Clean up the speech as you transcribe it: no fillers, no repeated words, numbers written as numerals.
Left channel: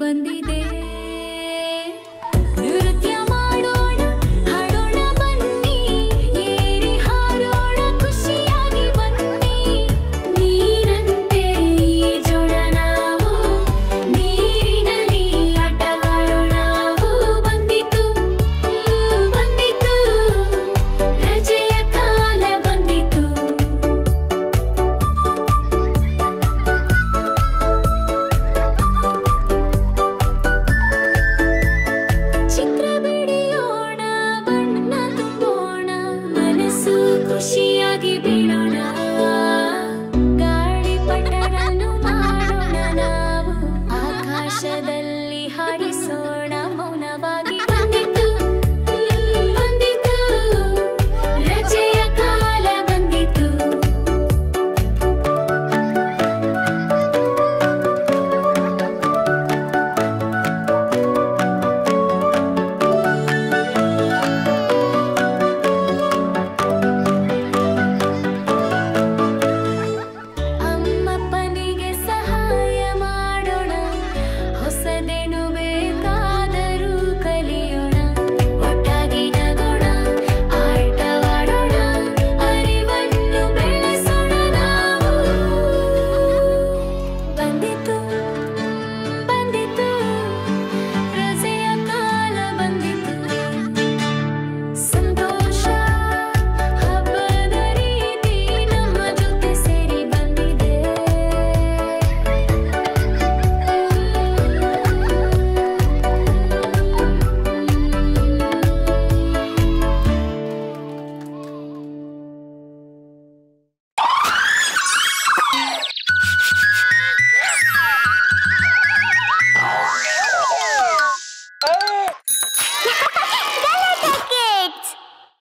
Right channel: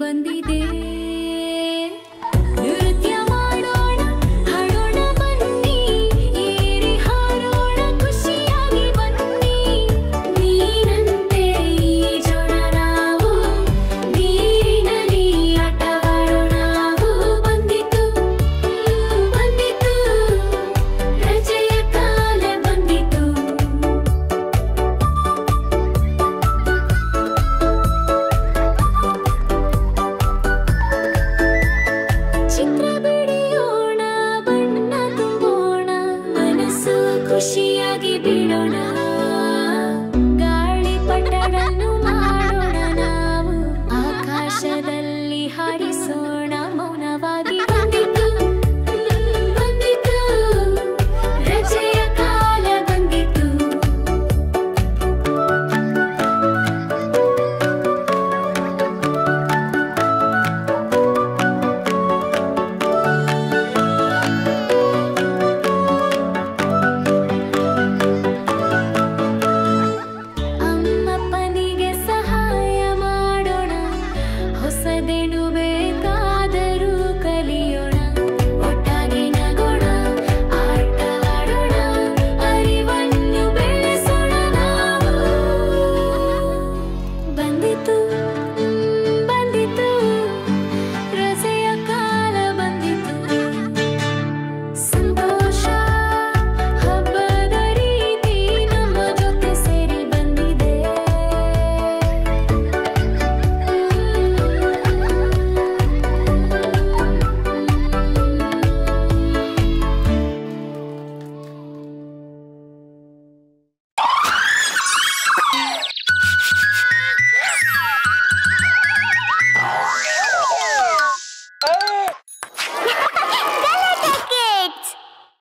ಬಂದಿದೆ. ನೃತ್ಯ ಮಾಡೋಣ, ಹಾಡೋಣ ಬನ್ನಿ, ಏರಿ ಹಾರೋಣ ಖುಷಿಯಾಗಿ ಬನ್ನಿ. ನೀರಂತೆ ಈಜೋಣ ನಾವು, ನೀರಿನಲ್ಲಿ ಆಟವಾಡೋಣ ನಾವು. ಬಂದಿತು ಬಂದಿತು ರಜೆಯ ಕಾಲ ಬಂದಿತು. ಚಿತ್ರ ಬಿಡಿಯೋಣ, ಬಣ್ಣ ತುಂಬೋಣ, ಮನಸ್ಸು ಖುಷಿಯಾಗಿ ಬಿಡೋಣ. ಗಾಳಿಪಟವನ್ನು ಮಾಡೋಣ ನಾವು, ಆಕಾಶದಲ್ಲಿ ಹಾರಿಸೋಣ ಮೌನವಾಗಿ. ಬಂದಿತು ಬಂದಿತು ರಜೆಯ ಕಾಲ ಬಂದಿತು. ಅಮ್ಮಪ್ಪನಿಗೆ ಸಹಾಯ ಮಾಡೋಣ, ಹೊಸದೇನು ಬೇಕಾದರೂ ಕಲಿಯೋಣ.